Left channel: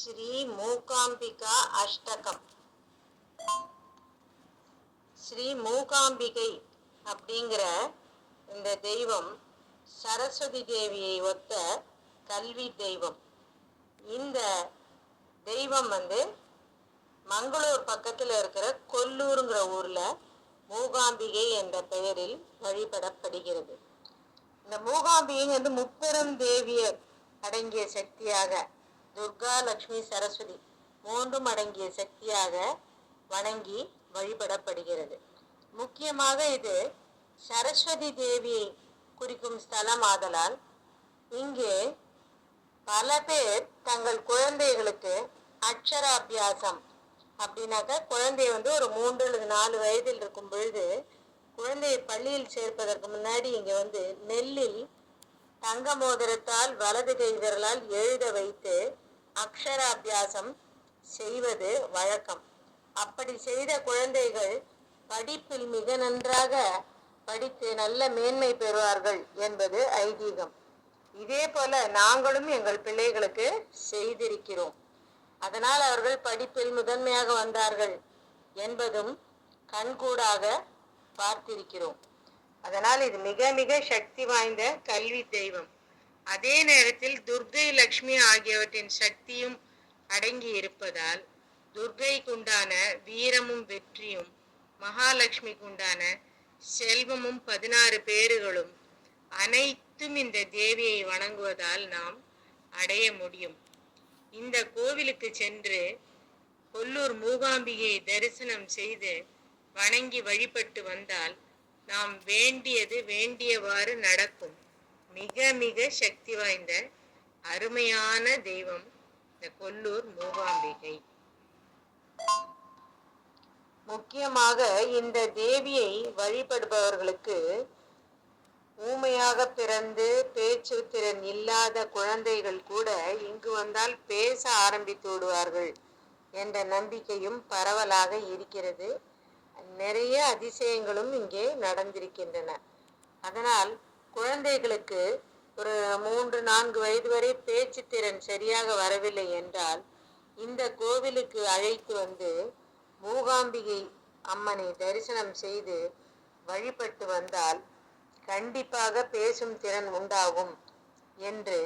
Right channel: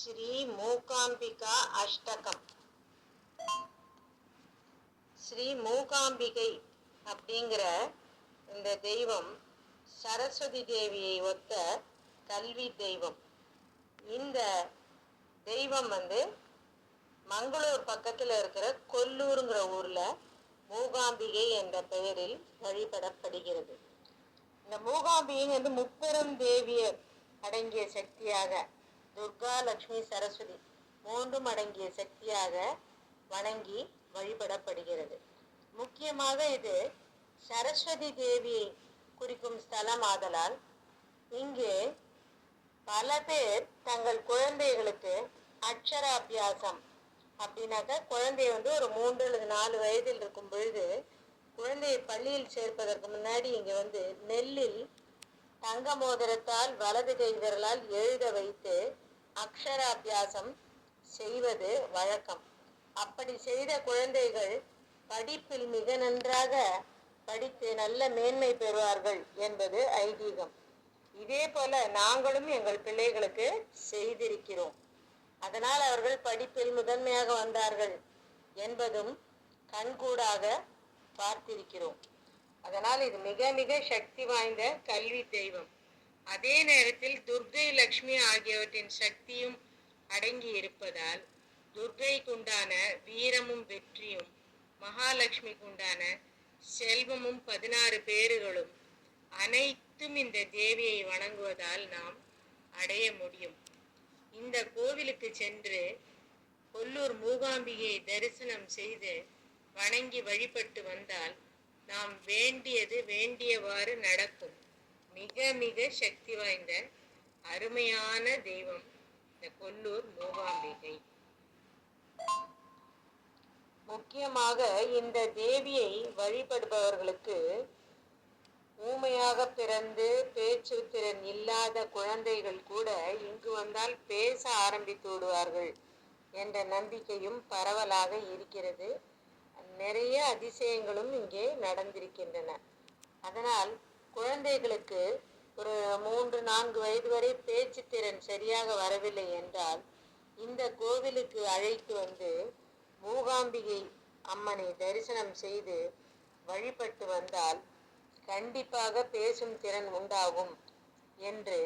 ஸ்ரீ மூகாம்பிகா அஷ்டகம். ஸ்ரீ மூகாம்பிகை அப்படிங்கிற இந்த தெய்வம் சரஸ்வதி தேவியை ஒத்த கல்வி தெய்வம். இந்த தெய்வம் வந்து மங்களூர் பக்கத்தில் இருக்கிற கொல்லூருங்கிற ஊரில் மூகாம்பிகை என்ற பெயரில் வழிபடப்படுகிறது. இந்த மூகாம்பிகை வந்து முப்பெரும் தேவியர் அடங்கிய சக்தியாக துர்கா லக்ஷ்மி சரஸ்வதி மூன்றும் அடங்கிய சக்தியாக வணங்கி வழிபடப்படுகிறது. முக்கியமாக இது சரஸ்வதி தேவியை குறிக்கும் ஸ்தலம் ஆதலால் இங்கே பல பேர் தங்கள் குழந்தைகளுக்கு அக்ஷராபியாசம் அப்படின்னாக்கா குழந்தை வந்து ஒரு மூன்று அல்லது நாலு வயதில் இருக்கும் பொழுது குழந்தையை பள்ளியில் சேர்ப்பதற்கு முன்னாடி இங்கே வந்து நெல்லில் தங்க மோதிரத்தால் வலது கை விரலால் எழுத வைத்து அக்ஷராபியாசம் செய்வது வழக்கம். அப்படி செய்த குழந்தைகள் படிப்பில் மிக நன்றாக படித்து நல்ல மேன்மை பெறுவார்கள் என்பது ஐதீகம். இதே போல நாங்களும் எங்கள் பிள்ளைகளுக்கு செய்திருக்கிறோம். அதனால் அவர்கள் படிப்பில் முதன்மையாக வந்தார்கள் என்பதும் கண்கூடாக பார்த்திருக்கிறோம். அதனால் இது மிக மிக சக்தி வாய்ந்த கல்வி தெய்வம். அதே நேரத்தில் துர்கை லக்ஷ்மி ஆகியவற்றின் சக்தியும் அடங்கி இருப்பதால் துர்கைக்குண்டான வீரமும் வெற்றியும் மகாலட்சுமிக்குண்டான செல்வமும் பதினாறு பேறுகளும் அனைத்தும் இந்த தேவியை வணங்குவதால் நாம் அடைய முடியும். இந்த கோவிலுக்கு சென்று கொல்லூர் மூகாம்பிகையை தரிசனம் செய்து வணங்கி வழிபட்டு வந்தால் நாம் வேண்டியது வேண்டியவாறு நடக்கும். மிக மிக சக்தி வாய்ந்த அருமையான தெய்வம் இந்த கொல்லூர் மூகாம்பிகை முக்கியமாக இந்த தேவியை வழிபடுபவர்களுக்கு ஊமையாக பிறந்து பேச்சு திறன் இல்லாத குழந்தைகள் கூட இங்கு வந்தால் பேச ஆரம்பித்து விடுவார்கள் என்ற நம்பிக்கையும் பரவலாக இருக்கிறது. நிறைய அதிசயங்களும் இங்கே நடந்திருக்கின்றன. அதனால் குழந்தைகளுக்கு ஒரு மூன்று நான்கு வயது வரை பேச்சு திறன் சரியாக வரவில்லை என்றால் இந்த கோவிலுக்கு அழைத்து வந்து மூகாம்பிகை அம்மனை தரிசனம் செய்து வழிபட்டு வந்தால் கண்டிப்பாக பேசும் திறன் உண்டாகும் என்று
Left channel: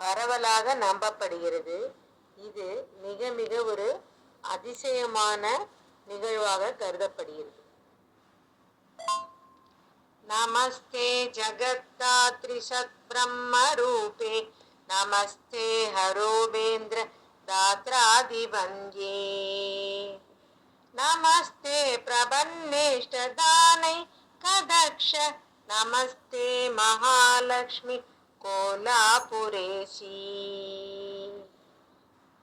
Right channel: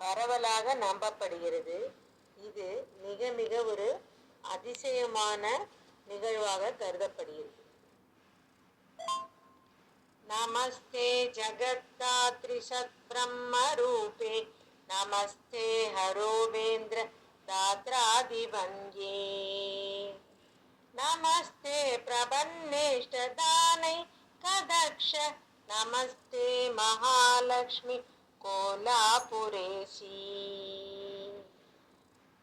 பரவலாக நம்பப்படுகிறது. இது மிக மிக ஒரு அதிசயமான நிகழ்வாக கருதப்படுகிறது. नमस्ते जगत्तात्रिसद्ब्रह्मरूपे नमस्ते हरोवेन्द्र दात्रादिभङ्गे। नमस्ते प्रबन्नेष्टदानै कदक्ष। नमस्ते महालक्ष्मि कोलापुरेशी।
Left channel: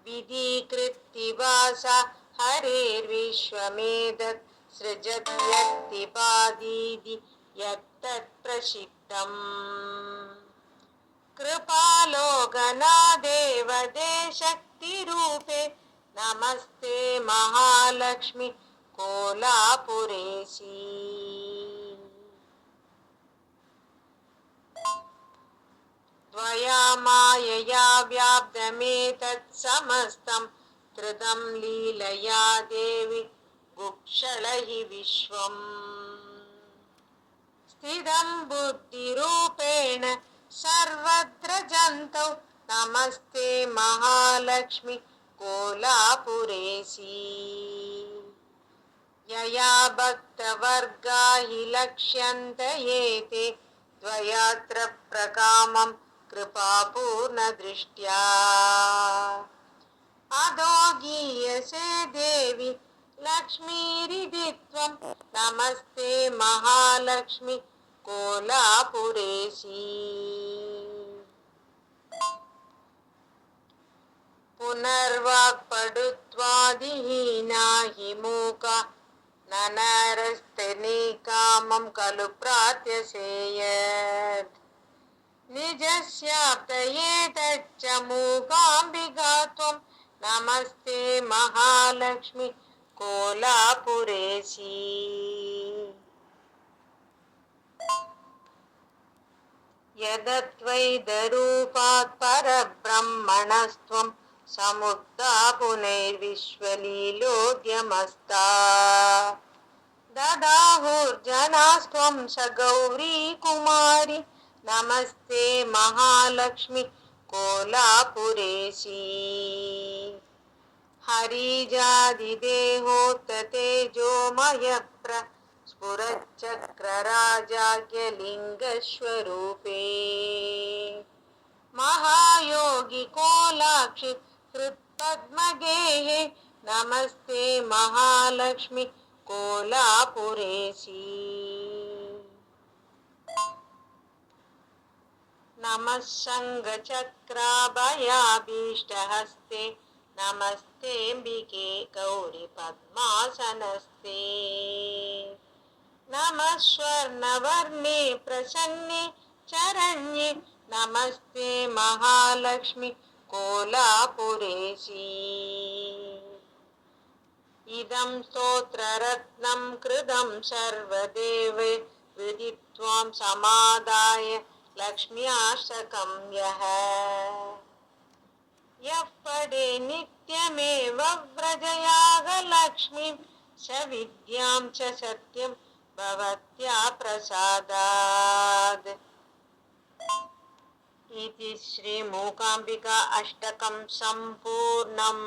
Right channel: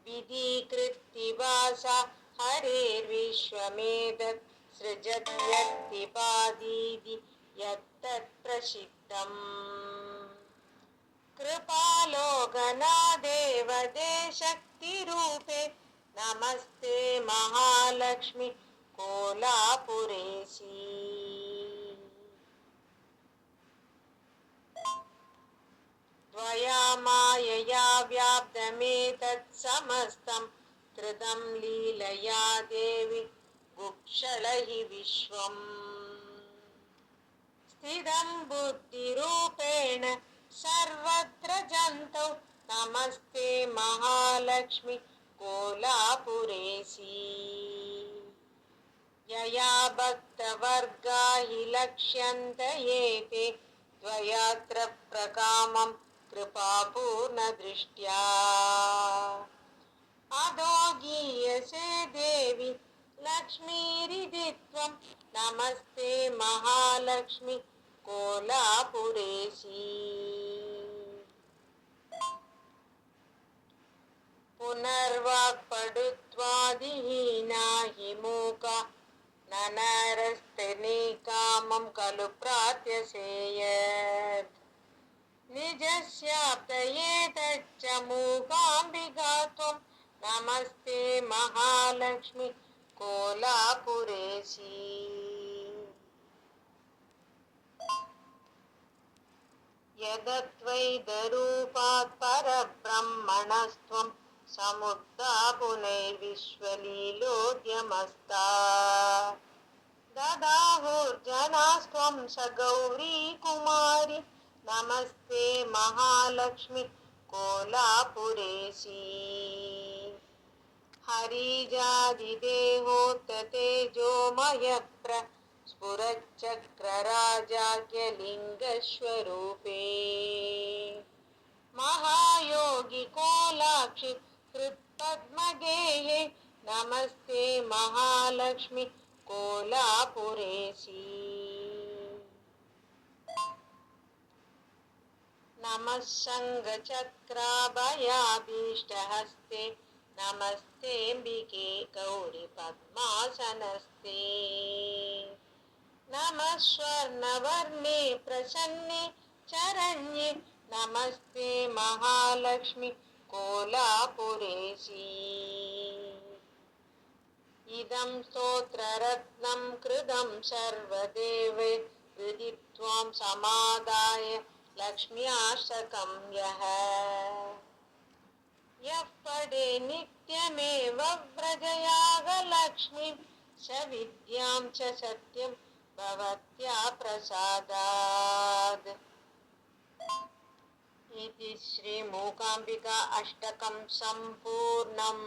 सी हरेर्विश्वमेधत् हरेर्विश्वमेध यत्तत्र सिद्धम् कृपालो गणादेवदे शक्तिरूपे नमस्ते महालक्ष्मि कोलापुरेशी। त्वया मायया व्याप्तमेतत्समस्तं त्रिदं लीलया देवि गुक्षलहि विश्वम्। स्थितं बुद्धिरूपेण सर्वत्र जन्तौ। नमस्ते महालक्ष्मि कोलापुरेशी। यया भक्तवर्गा हि लक्ष्यन्त एते द्वयात्र प्रकामं कृपापूर्णदृष्ट्या। अधो गीयसे देवि लक्ष्मीरिति त्वं नमस्ते महालक्ष्मि कोलापुरेशी पुनर्वाक्पडुत्वादिहीना हि मूका ननरस्तनिकामं खलु प्रार्थ्यसेयत् निजस्याप्तये मूकाम्बिका त्वं। नमस्ते महालक्ष्मि కోలాపురేశి. యదద్వైదరూపాత్ పరబ్రహ్మణస్త్వం సముక్తా పునైర్విశ్వలీలోద్యమస్తా దదాహుర్జనాస్త్వం సగౌరీ కుమారి. నమస్తే మహాలక్ష్మి కోలాపురేశీ. कोलापुरेशी हरिजादिदेहोत्ततेजोमयप्र स्फुरच्चक्रराजाज्ञलिङ्गस्वरूपे। महायोगि कोलाक्षि कृत्पद्मगेहे नमस्ते महालक्ष्मि कोलापुरेशी। नमः सङ्गचक्राभयाभीष्टहस्ते नमस्तेऽम्बिके गौरिपद्मासनस्ते नमः स्वर्णवर्णे प्रसन्ने चरण्ये। नमस्ते महालक्ष्मि कोलापुरेशी। इदं स्तोत्ररत्नं कृतं सर्वदेवे। हृदि त्वां समादाय लक्ष्म्याशकं यः। यः पडे नित्यमेव व्रजयागलक्ष्मीं स विद्यां च सत्यं भवत्या प्रसादात् इति श्रीमूकाम्बिका अष्टकं सम्पूर्णम्